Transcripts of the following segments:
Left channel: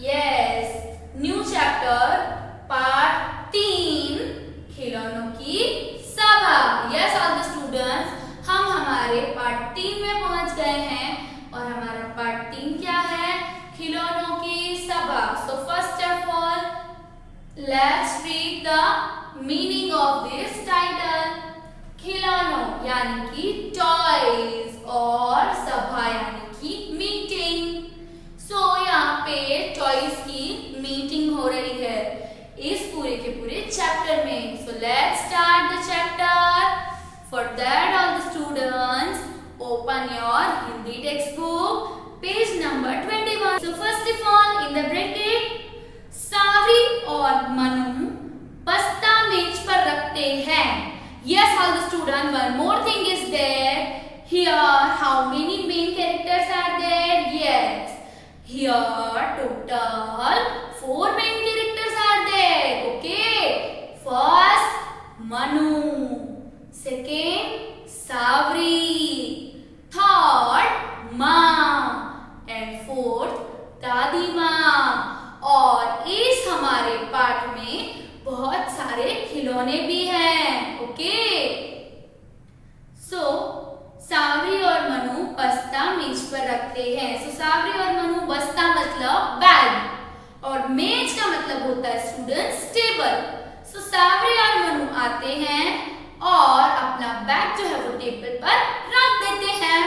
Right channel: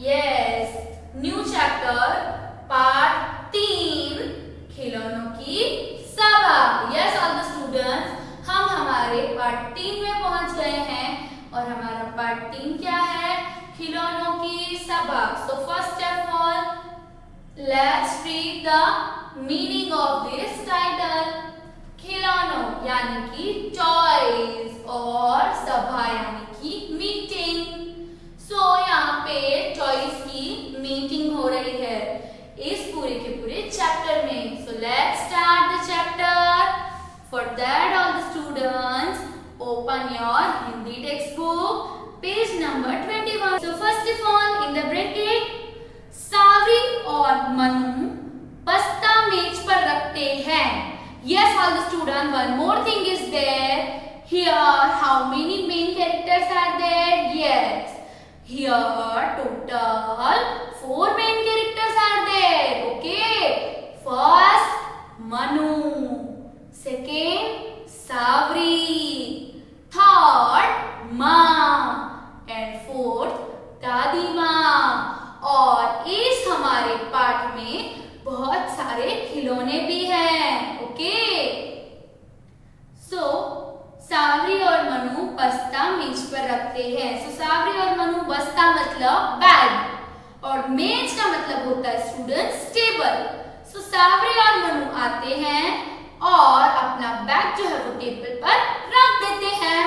Yes, new chapter part 3 खिलौनों की सभा। यस ऑल द स्टूडेंट्स, हम हमारे पार्ट 3 में पहुंच गए हैं और हमारा पार्ट 3 क्या है? खिलौनों की सभा। So first of all let's read the meaning of this title. खिलौनों यानी कि टॉयज और सभा यानी कि मीटिंग। सो यहाँ पे टॉयज की मीटिंग हो रही है इस पूरे के पूरे चैप्टर में। So let's start the chapter. For that all the students open your Hindi text book page number 21। So first of all in the bracket सावरी और मनु बस्ता मेज पर रखते हैं। Yes, all the students, one more thing is there. Here, how many main characters are there? Yes. Here, total 4 main characters are there. Okay. First, Manu. Second, Savri. Third, Ma. And fourth, दादी माँ। और इस हमारे पाठ में बहुत सारे खिलौने भी हैं। ओके, सो सावरी और मनु बस्ता मेज पर रखते हैं। सो सावरी और मनु बस्ता मतलब बैग और मेज का मतलब होता है स्टूडेंट्स टेबल। सो सावरी और मनु आते हैं और अपना बैग जो है वो टेबल पर रख देते हैं।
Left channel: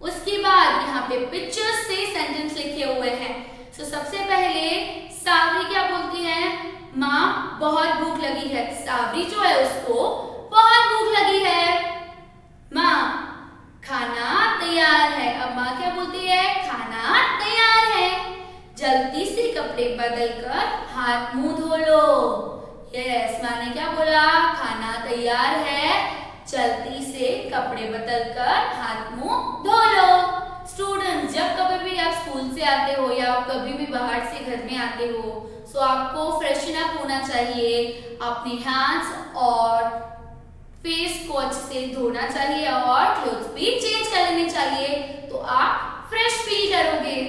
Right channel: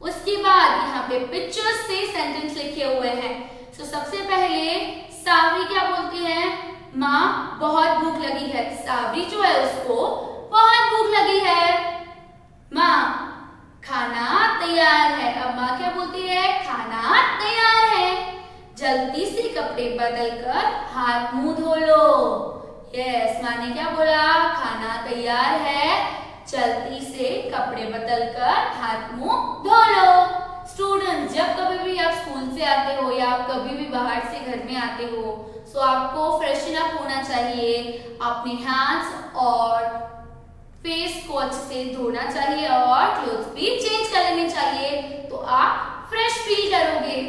उसके बाद यहाँ पे पिक्चर्स से सेंटेंस लिखे हुए हैं। सो सबसे पहले सावरी क्या बोलती है? माँ बहुत भूख लगी है। सावरी जो है उसको बहुत भूख लगी है। माँ खाना तैयार है। अब माँ क्या बोलती है? खाना तैयार है। जल्दी से कपड़े बदलकर हाथ मुंह धो लो। यस, माँ ने क्या बोला? खाना तैयार है, जल्दी से कपड़े बदलकर हाथ मुंह धो लो। स्टूडेंट्स, जब कभी भी आप स्कूल से आते हो या आप कभी भी बाहर से घर में आते हो, सो आपको फ्रेशन अप होना चाहिए। अपने हैंड्स और फेस को अच्छे से धोना चाहिए और क्लोथ्स भी चेंज कर लेने चाहिए, तो आप फ्रेश फील करोगे।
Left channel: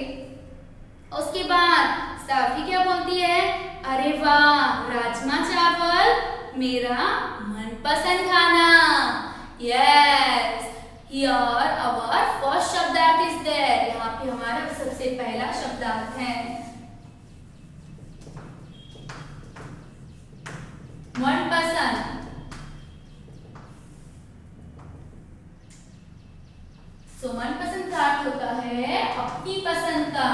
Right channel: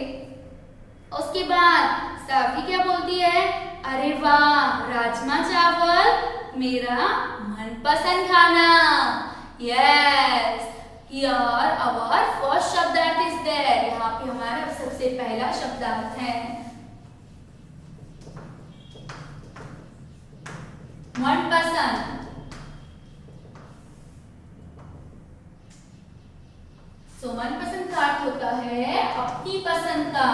उसके बाद सावरी क्या बोलती है? अरे वाह, राजमा चावल मेरा मनपसंद खाना। यस, हियर आवर फर्स्ट शब्दार्थ इज देयर। यहाँ पे हमारा सबसे पहला शब्दार्थ है मनपसंद। सो मनपसंद का अर्थ होता है अपनी पसंद का।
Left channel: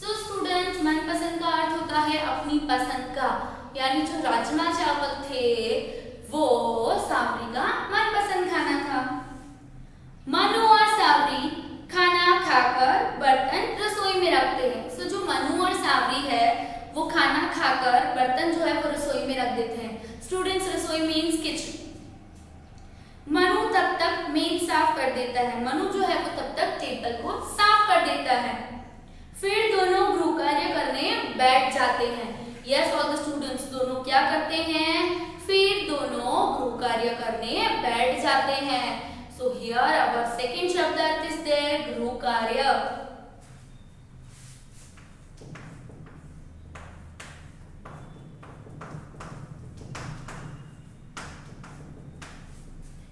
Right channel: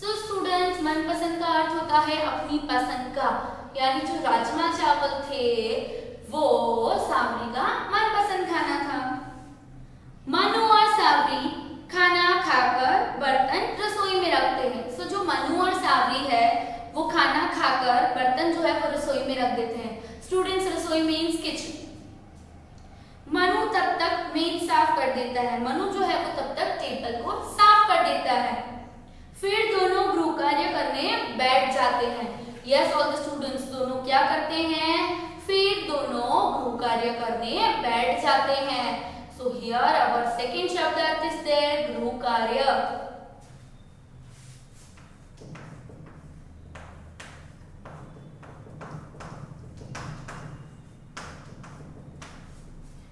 सो स्टूडेंट्स, मनपसंद का अर्थ होता है अपनी पसंद का, यानी जो राजमा चावल थे वो सावरी का मनपसंद खाना था। मनु और सावरी खाना खाकर बर्तन रसोई में रखते हैं। सो जो मनु और सावरी है वो खाना खाकर बर्तन जो है वो रसोई में रख देते हैं। स्टूडेंट्स, रसोई मीन्स किचन। मनु तब तक मेज साफ कर देता है। मनु जो है वो तब तक टेबल को साफ कर देता है। फिर दोनों गृह कार्य करने बैठ जाते हैं। यस ऑल द स्टूडेंट्स, दोनों क्या करते हैं? फिर दोनों गृह कार्य करने बैठ जाते हैं। So here our second शब्दार्थ is there, गृह कार्य।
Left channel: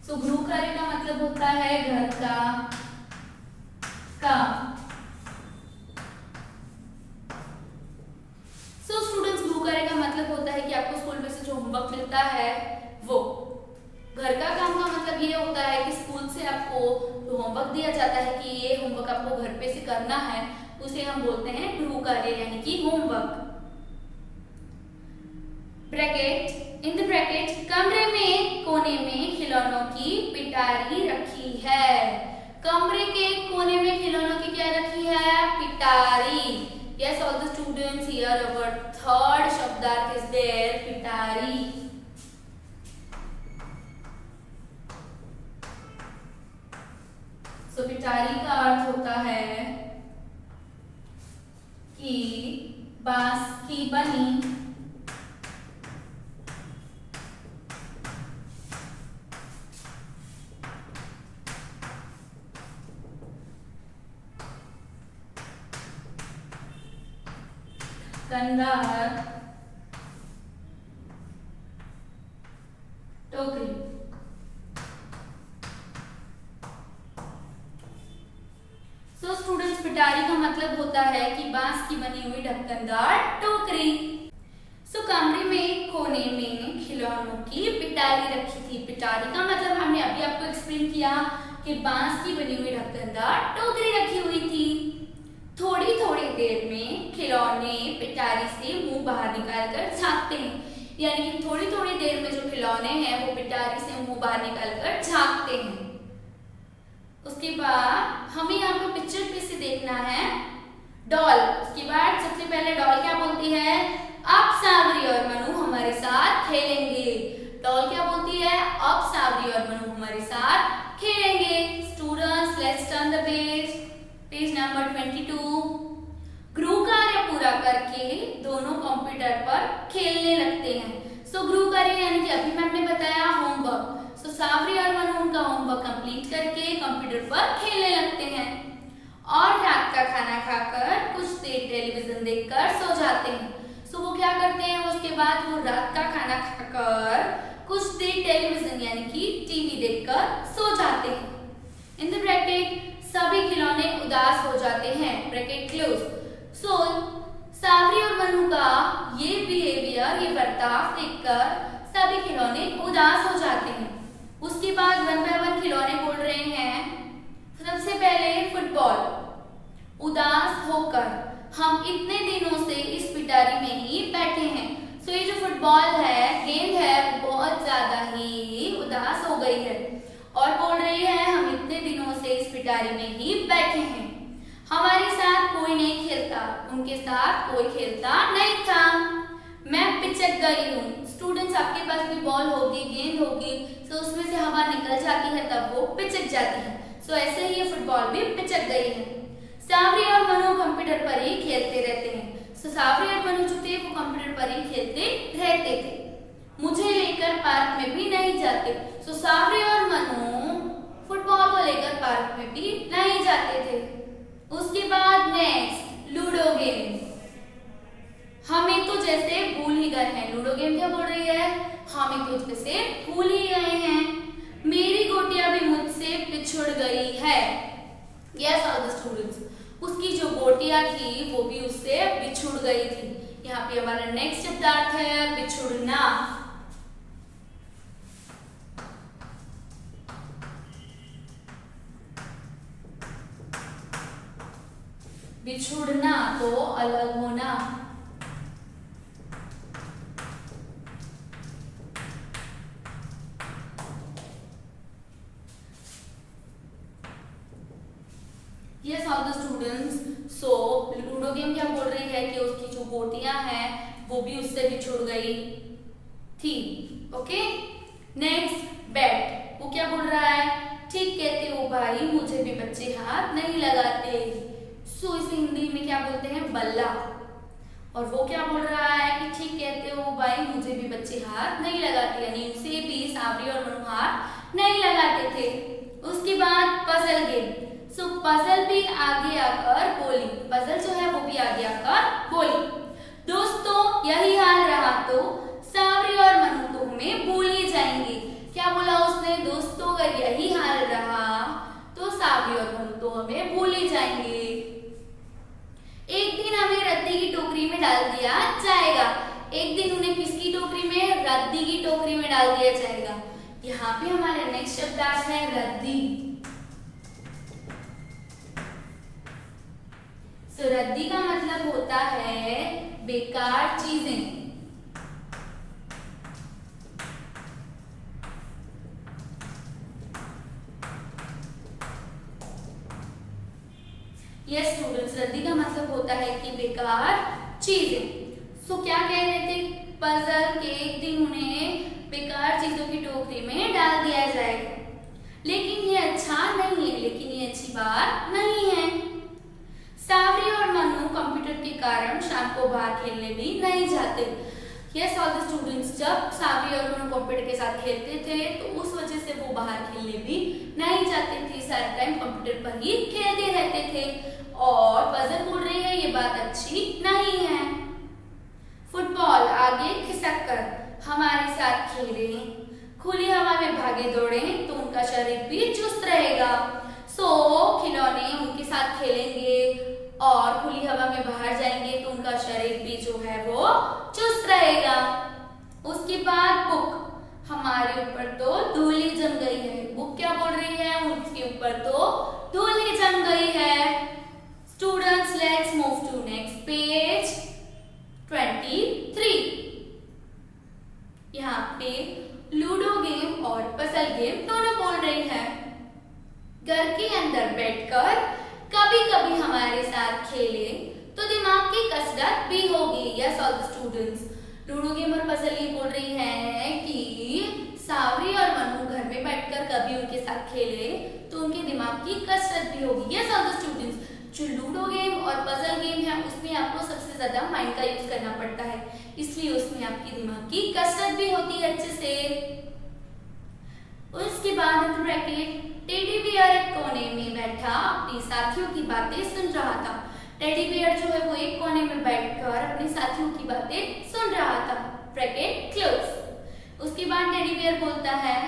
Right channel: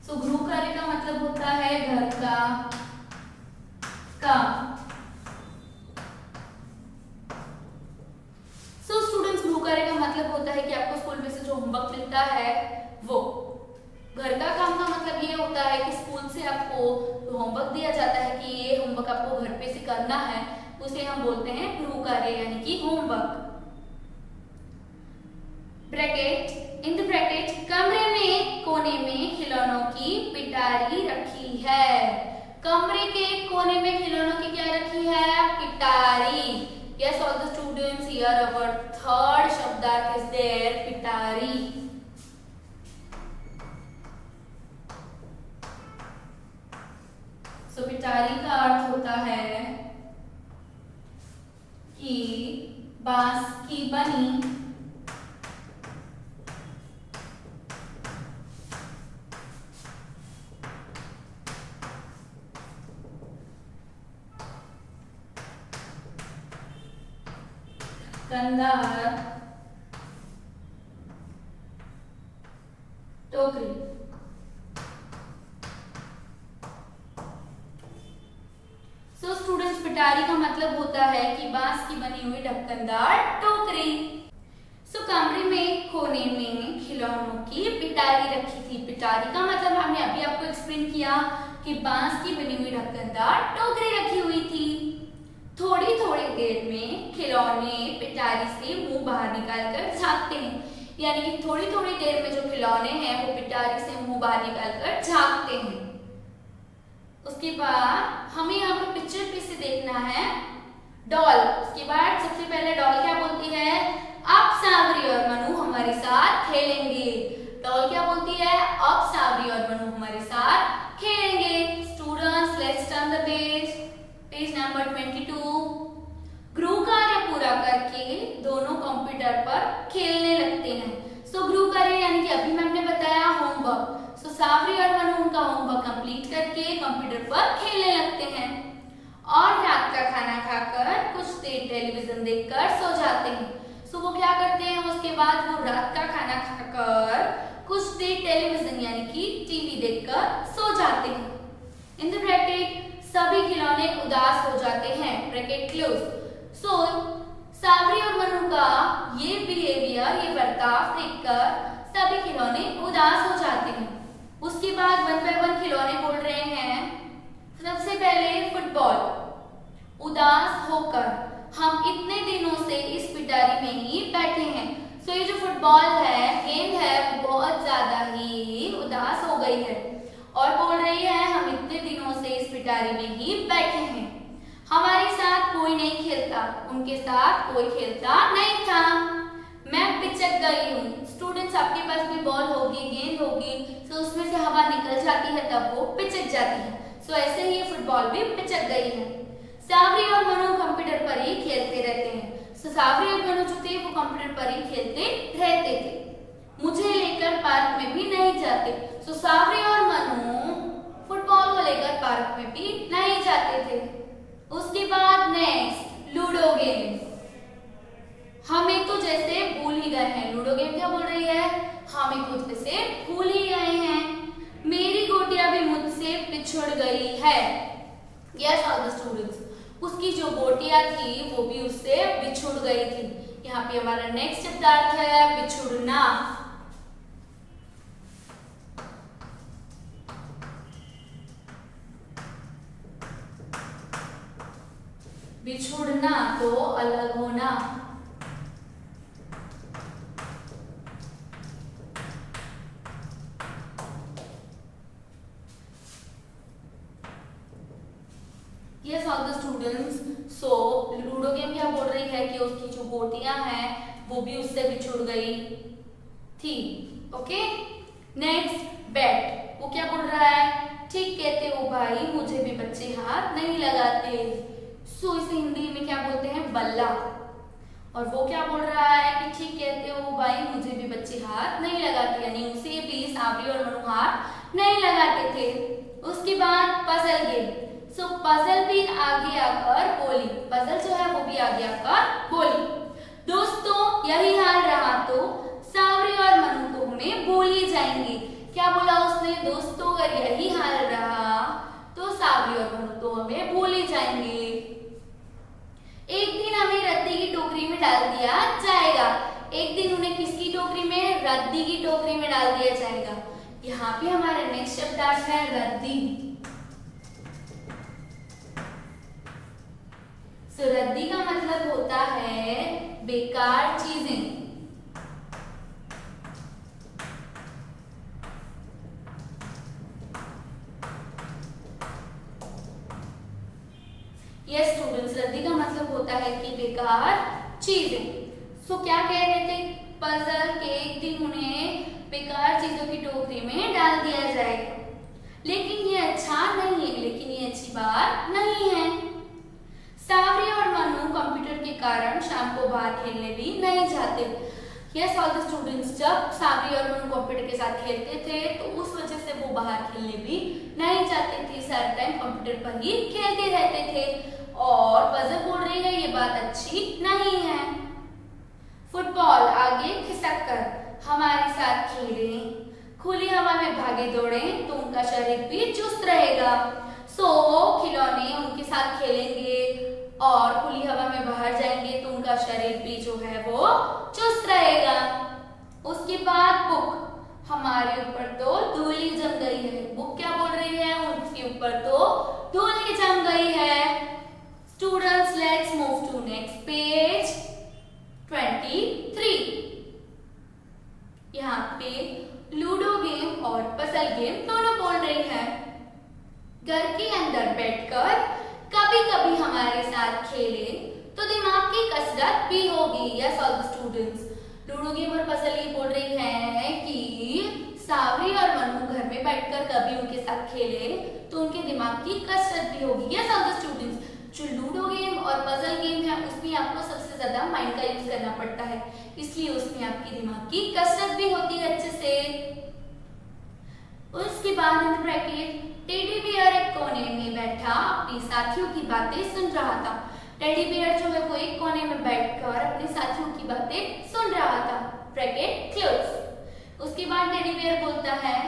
So गृह कार्य का मतलब होता है घर का काम। So स्टूडेंट्स, गृह कार्य का मतलब होता है कि आपको स्कूल में से जो होमवर्क मिलता है वो। घर का काम का मतलब ये होता है कि स्कूल से आपको जो होमवर्क दिया जाता है कि ये होमवर्क आपको घर पे से करना है, उसे हम बोलते हैं गृह कार्य यानी कि homework. Bracket, in the bracket कमरे में कोने में खिलौनों की पिटारी रखी है। कमरे के कोने में खिलौनों की क्या रखी है? पिटारी। Yes all the students, here our third शब्दार्थ इज देयर, पिटारी। सो पिटारी का अर्थ होता है कि बांस की बनी ढक्कनदार टोकरी। सो स्टूडेंट्स, पिटारी का मतलब होता है कि बांस की बनी हुई ढक्कनदार टोकरी। सो कमरे में कोने में खिलौनों की पिटारी रखी थी। पिटारी का मतलब हमने अभी आपको एक्सप्लेन किया कि बांस की बनी हुई ढक्कनदार टोकरी रखी हुई थी। थोड़ी थोड़ी देर में खिलौने पिटारी से मुंह बाहर निकाल कर झांकते हैं, यानी कि थोड़ी थोड़ी देर में जो खिलौने हैं वो पिटारी से मुंह बाहर निकाल कर झांकते हैं। उसके बाद हमें यहाँ पर पिक्चर पे से देखना है डॉल। उसके बाद सबसे पहले डॉल क्या बोलती है, अब सावरी और मनु हमारे साथ खेलेंगे। डॉल क्या बोलती है, अब सावरी और मनु हमारे साथ खेलेंगे। Students, let's turn the page, page number 22। गृह कार्य पूरा करके दोनों कंप्यूटर पर खेलने लगते हैं। सो गृह कार्य यानी कि अभी मैम ने बताया होमवर्क। सो सावरी और मनु उनका होमवर्क कंप्लीट करके कंप्यूटर पर खेलने लगते हैं और रात का खाना खाकर कुछ देर टेलीविजन देखकर सो जाते हैं। सो वो क्या करते हैं, उसके बाद वो रात का खाना खाकर कुछ देर टेलीविजन यानी कि टीवी देखकर सो जाते हैं। इन द ब्रैकेट सभी खिलौने उदास हो जाते हैं, ब्रैकेट क्लोज। सो सावरी और मनु का ये बिहेवियर, ये बर्ताव देखकर सभी खिलौने उदास हो जाते हैं। उसके बाद वन बाय वन खिलौने बोल रहे हैं। सबसे पहले फुटबॉल। उदास होकर हम इतने दिनों से इस पिटारी में ही बैठे हैं। सो ये जो फुटबॉल है, गेम है, वो बहुत ज्यादा ही उदास हो गई है और बोल रही है हम इतने दिनों से इस पिटारी में ही बैठे हैं, हमारे साथ कोई नहीं खेलता, उनके साथ कोई खेलता नहीं था। मैं पिचक गई हूँ। स्टूडेंट्स, आपके पास भी बॉल होगी, गेंद होगी, तो उसमें से हवा निकल जाती है तब वो पिचक जाती है। सो ऐसे ही ये फुटबॉल भी पिचक गई है। सावरी और मनु कंप्यूटर पर ही खेलते रहते हैं। सो सावरी और मनु जो थे वो कंप्यूटर पर ही खेलते रहते थे। मुझे लेकर पार्क में भी नहीं जाते। सो सावरी और मनु फुटबॉल को लेकर पार्क में भी नहीं जाते थे। उसके बाद नेक्स्ट लूडो गेम। हमें तो जैसे भूल ही गए हैं। लूडो गेम क्या बोल रही है, हमें तो जैसे भूल ही गए हैं। मेरी गोटियां भी मुझसे पिछड़ गई है। यस ऑल द स्टूडेंट्स, उसकी जो गोटियां थी वो भी उससे बिछुड़ गई थी। यहाँ पे हमारा नेक्स्ट शब्दार्थ है बिछुड़ना। बिछुड़ना तो अलग होना। Yes, all the students. So ludo game क्या बोल रही है कि उसकी जो गोटियां हैं वो भी उससे बिछुड़ गई थी। Okay, next bat. वो क्या बोल रहा है, ठीक कहते हो भाई, मुझे भी बच्चे हाथ नहीं लगाते। सो इसे हिंदी में क्या बोलते हैं, बल्ला। और वो क्या बोल रहा है कि ठीक कहते हो भाई, मुझे भी बच्चे हाथ नहीं लगाते, यानी उसे भी सावरी और मनु हाथ नहीं लगाते थे। उसके बाद पजल गेम। सो पजल भी आगे आकर बोली, पजल जो है वो भी आगे आकर बोली, दोस्तों यही हाल रहा तो सावरी और मनु को हमें भूल ही जाएंगे। क्या बोला उसने, दोस्तों अगर यही हाल रहा तो सावरी और मनु तो हमें भूल ही जाएंगे। एक दिन हमें रद्दी की टोकरी में डाल दिया जाएगा। एक दिन उन्हें किसकी टोकरी में, रद्दी की टोकरी में डाल दिया जाएगा। यहाँ पे हमारा नेक्स्ट शब्द है रद्दी। सो रद्दी का मतलब होता है बेकार चीजें। यस स्टूडेंट्स, रद्दी का मतलब होता है कि बेकार चीजें। सो क्या कह रहे थे, पजल के एक दिन उन्हें बेकार चीजों की टोकरी में डाल दिया जाएगा। लेकिन ये अच्छा नहीं है, लेकिन ये अच्छी बात नहीं है। सावरी और मनु कंप्यूटर के कारण शाम को बाहर खेलने भी नहीं जाते। यस ऑल द स्टूडेंट्स, जब सावरी और मनु कंप्यूटर के साथ खेलते थे तो उस वजह से वो बाहर खेलने भी नहीं जाते थे, सारा टाइम कंप्यूटर पर ही खेलते रहते थे। और पजल बोल रही है ये बात अच्छी नहीं है। फुटबॉल आगे खिसक कर हमारे साथ खेलें, खुली हवा में भागे दौड़े तो उनका शरीर भी चुस्त रहेगा। सो खिलौने उनके साथ खेलेंगे और खुली हवा में बाहर जाएंगे तो उनका शरीर भी जो है वो चुस्त रहेगा। उसके बाद बुक, हमारे ऊपर तो धूली जम गई है। बुक क्या बोल रही है, उनके ऊपर तो धूली जम गई है। Students let's move to next page 23। यहाँ पे लूडो गेम और पजल गेम दोनों बोल रही है। घर के अंदर बैठकर कभी कभी हमारे साथ खेले तो दिमाग की कसरत भी होगी। Yes all the students, ludo game और पजल ये बोल रही है कि सावरी और मनु घर में बैठकर कभी उनके साथ खेले तो उनके दिमाग की कसरत भी होगी। यस ऑल द स्टूडेंट्स, जो लूडो गेम और पजल गेम है उसमें आपको सबसे ज्यादा माइंड का यूज करना पड़ता है, इसलिए उसमें आपकी दिमाग की कसरत भी होती है अच्छे से। उसके बाद ब्रैकेट, टेडी बियर एक कोने में बैठा अपने साथियों की बातें सुन रहा था। टेडी बियर जो है वो एक कोने में बैठकर अपने साथियों की बातें सुन रहा था। Bracket close. उसके बाद टेडी बियर बोलता है,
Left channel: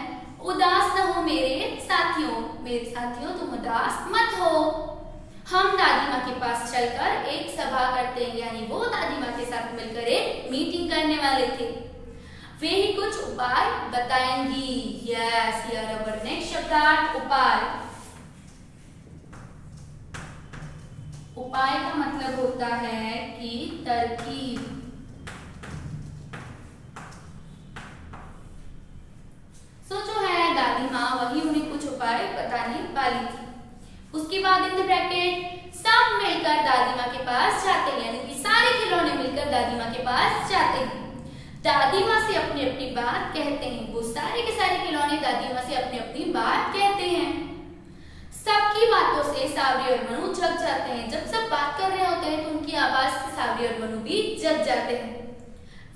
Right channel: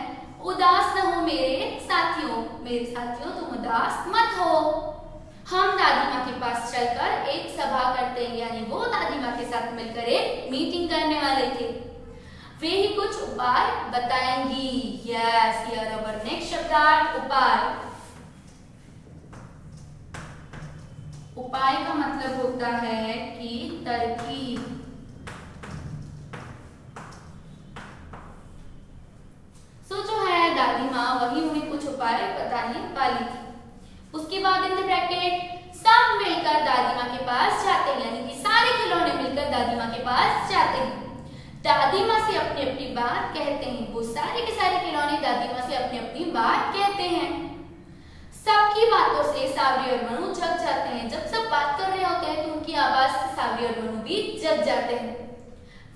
उदास न हो मेरे साथियों तुम उदास मत हो। हम दादी माँ के पास चलकर एक सभा करते हैं, यानी वो दादी माँ के साथ मिलकर एक मीटिंग करने वाले थे। वे ही कुछ उपाय बताएंगी। यस, हियर आवर नेक्स्ट शब्दार्थ उपाय। उपाय का मतलब होता है कि तरकीब। सो जो है दादी माँ वही उन्हें कुछ उपाय बताने वाली थी। उसके बाद इन द ब्रैकेट सब मिलकर दादी माँ के पास जाते हैं, यानी कि सारे खिलौने मिलकर दादी माँ के पास जाते हैं। दादी माँ से अपनी अपनी बात कहते हैं। वो सारे के सारे खिलौने दादी माँ से अपनी अपनी बात कहते हैं। सबकी बातों से सावरी और मनु जग जाते हैं। जब सब बात कर रहे होते हैं तो उनकी आवाज से सावरी और मनु भी जग जाते हैं।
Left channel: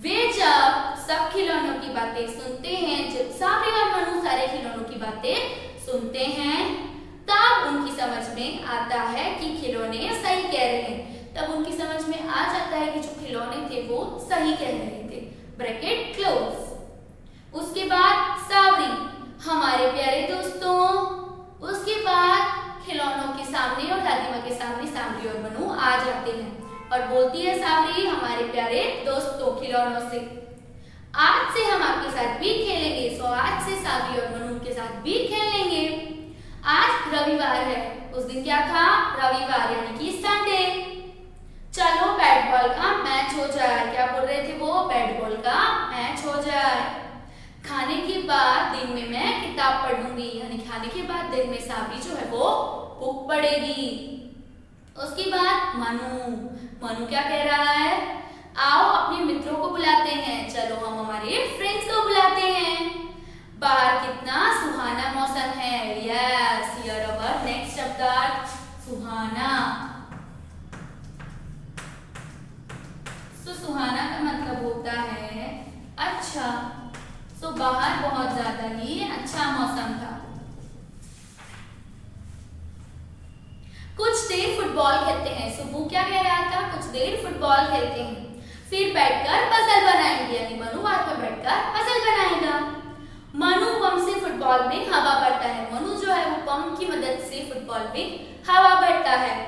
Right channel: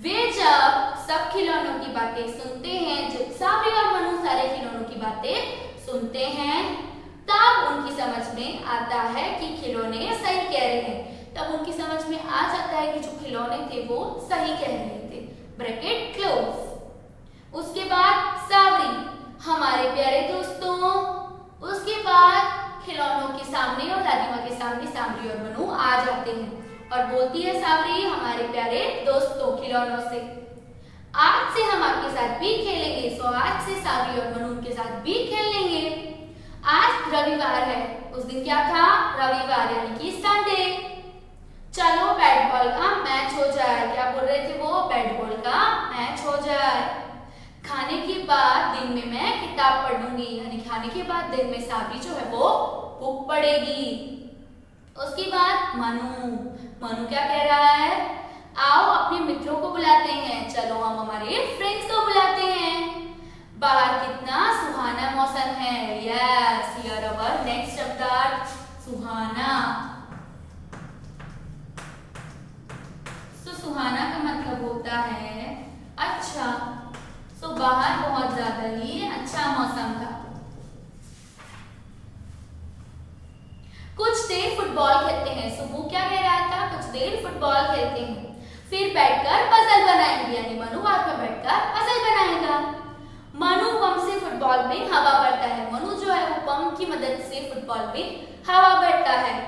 वे जब सब खिलौनों की बातें सुनते हैं, जब सावरी और मनु सारे खिलौनों की बातें सुनते हैं, तब उनकी समझ में आता है कि खिलौने सही कह रहे हैं। तब उनकी समझ में आ जाता है कि जो खिलौने थे वो सही कह रहे थे। Bracket close. उसके बाद सावरी, हमारे प्यारे दोस्तों। उसके बाद खिलौनों के सामने और दादी माँ के सामने सावरी और मनु आ जाते हैं और बोलती है सावरी, हमारे प्यारे दोस्तों खिलौनों से, आज से हम आपके साथ भी खेलेंगे। सो आज से सावरी और मनु के साथ भी खेलेंगे। आज रविवार है। उस दिन क्या था, रविवार यानी कि संडे। चलो बैट बॉल का मैच हो जाए। क्या बोल रहे थे वो, बैट बॉल का मैच हो जाए। खाने के बाद दिन में मैं किताब पढ़ूंगी, यानी खाने के बाद दिन में सावरी जो है वो बुक पढ़ेगी। उसके बाद मनु क्या कह रहा है, आओ अपने मित्रों को बुलाते हैं। चलो हम हमारे फ्रेंड्स को बुलाते हैं। बाहर कितना सुहाना मौसम है। यस, हियर आवर नेक्स्ट शब्दार्थ सुहाना। तो सुहाना का मतलब होता है अच्छा। तो बाहर बहुत ज्यादा ही अच्छा मौसम था। कुछ देर फुटबॉल खेलते हैं। सो वो क्या कह रहा था, कुछ देर फुटबॉल खेलते हैं, फिर बैठकर पजल बनाएंगे, यानी मनु बाद में बैठकर पजल बनाएगा। मनु पंप से फुटबॉल में हवा भरता है। मनु जो है वो पंप की मदद से फुटबॉल में हवा भरता है।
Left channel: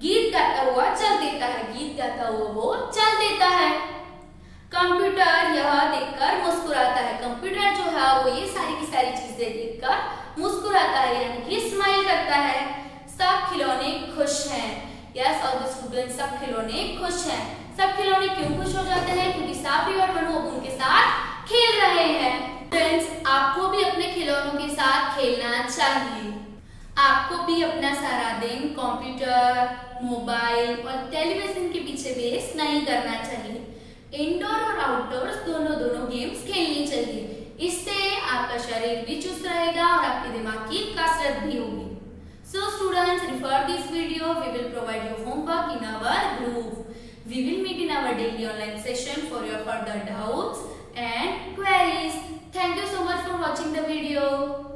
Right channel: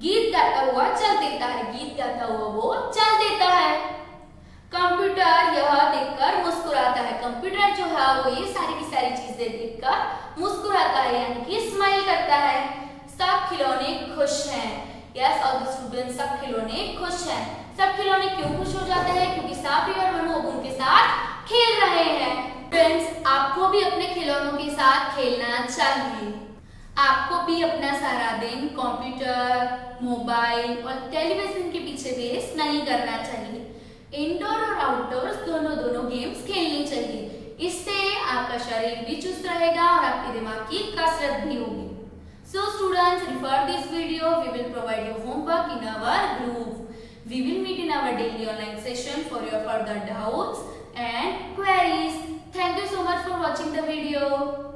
गीत गाता हुआ चल देता है। गीत गाता हुआ वो चल देता है। कंप्यूटर यह देखकर मुस्कुराता है। कंप्यूटर जो है वो ये सारी की सारी चीजें देखकर मुस्कुराता है, यानी कि स्माइल करता है। सब खिलौने खुश हैं। यस ऑल द स्टूडेंट्स, सब खिलौने खुश हैं। सब खिलौने क्यों खुश हो जाते हैं, क्योंकि सावरी और मनु अब उनके साथ खेल रहे हैं। फ्रेंड्स, आपको भी अपने खिलौनों के साथ खेलना चाहिए। आपको भी अपना सारा दिन कंप्यूटर, मोबाइल और टेलीविजन के पीछे वेस्ट नहीं करना चाहिए। इंडोर और आउटडोर दोनों गेम्स खेलनी चाहिए। इससे आपका शरीर भी चुस्त रहेगा और आपके दिमाग की कसरत भी होगी। So students, refer this video. We will provide you homework in our group. We will meet in our daily online session for your further doubts and queries. Thank you so much for watching the video.